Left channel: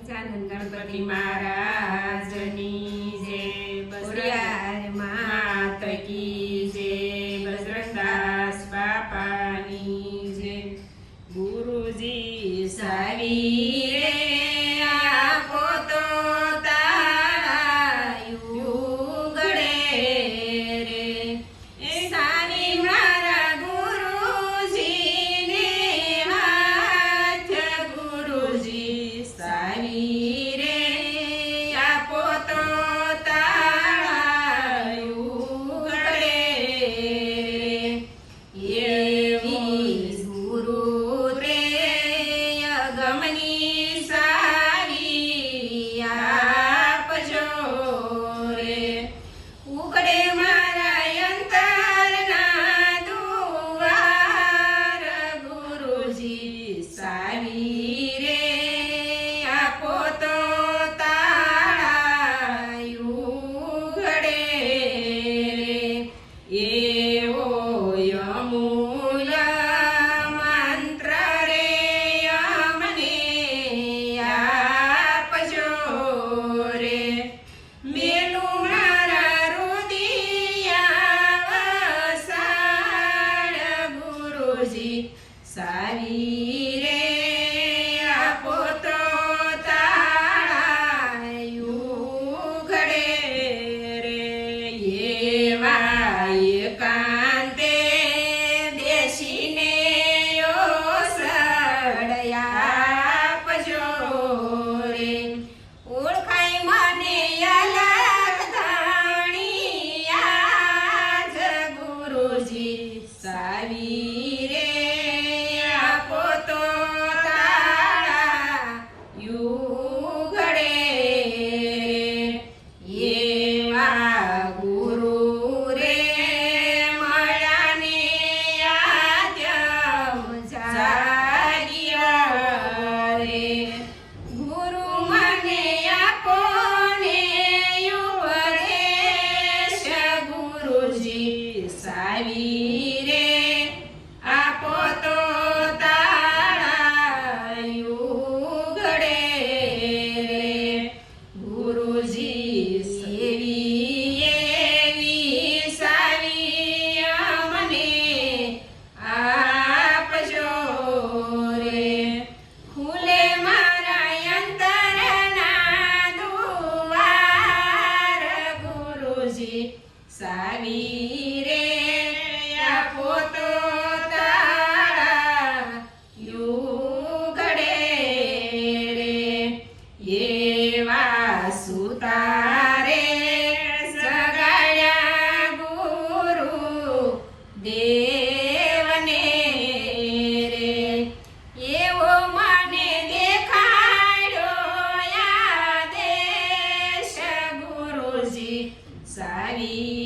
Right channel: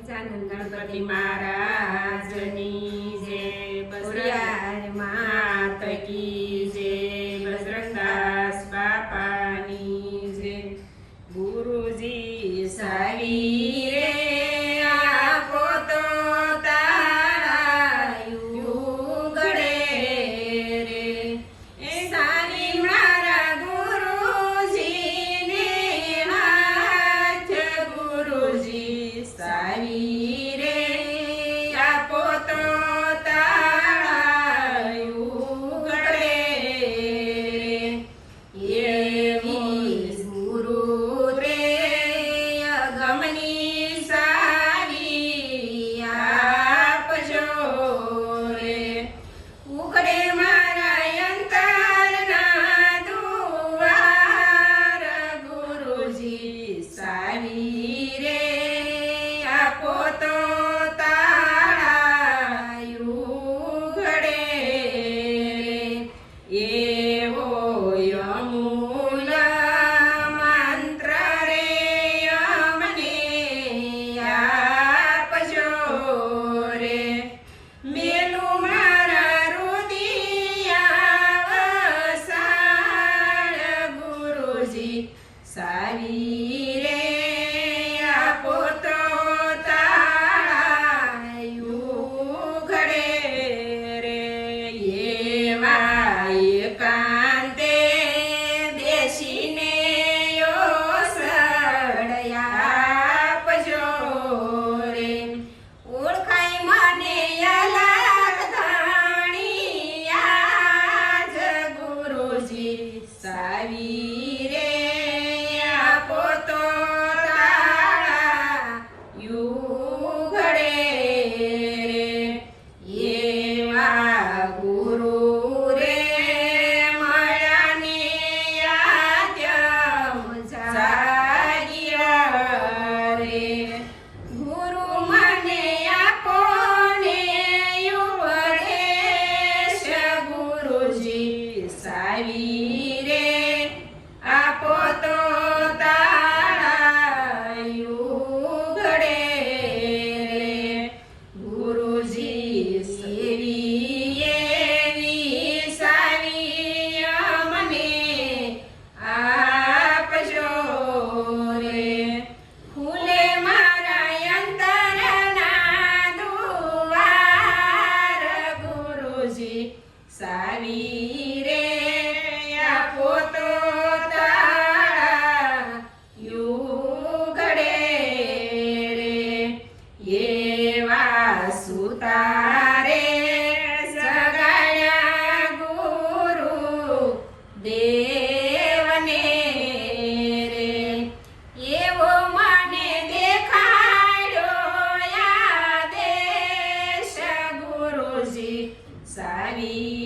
ગજાનન ગણપતિ મહારાજની સારી me.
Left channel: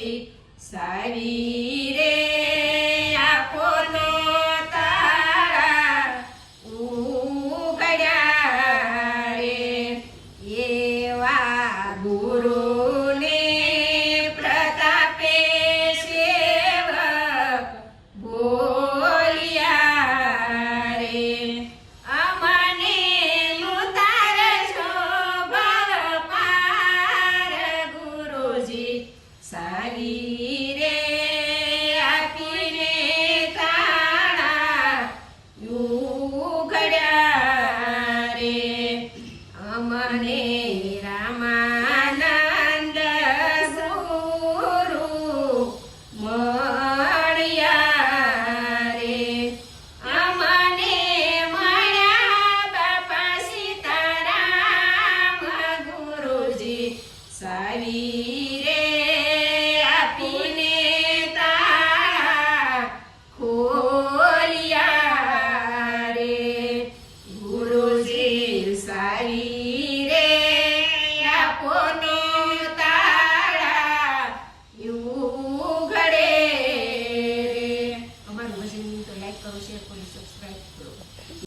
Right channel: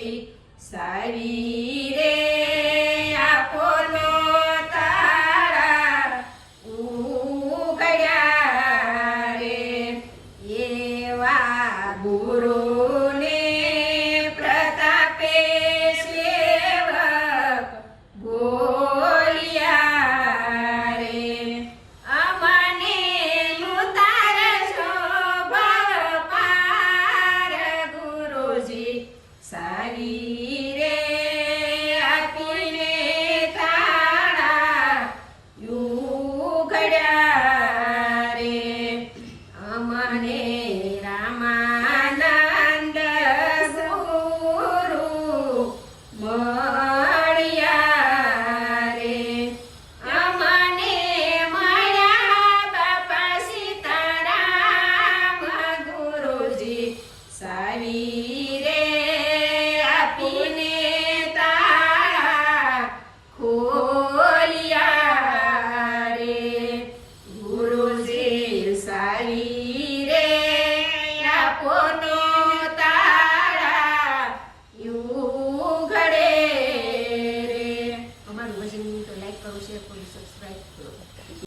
સારી સારી રે આપીને તાણા યુગડ્યા રે અમને રામા One.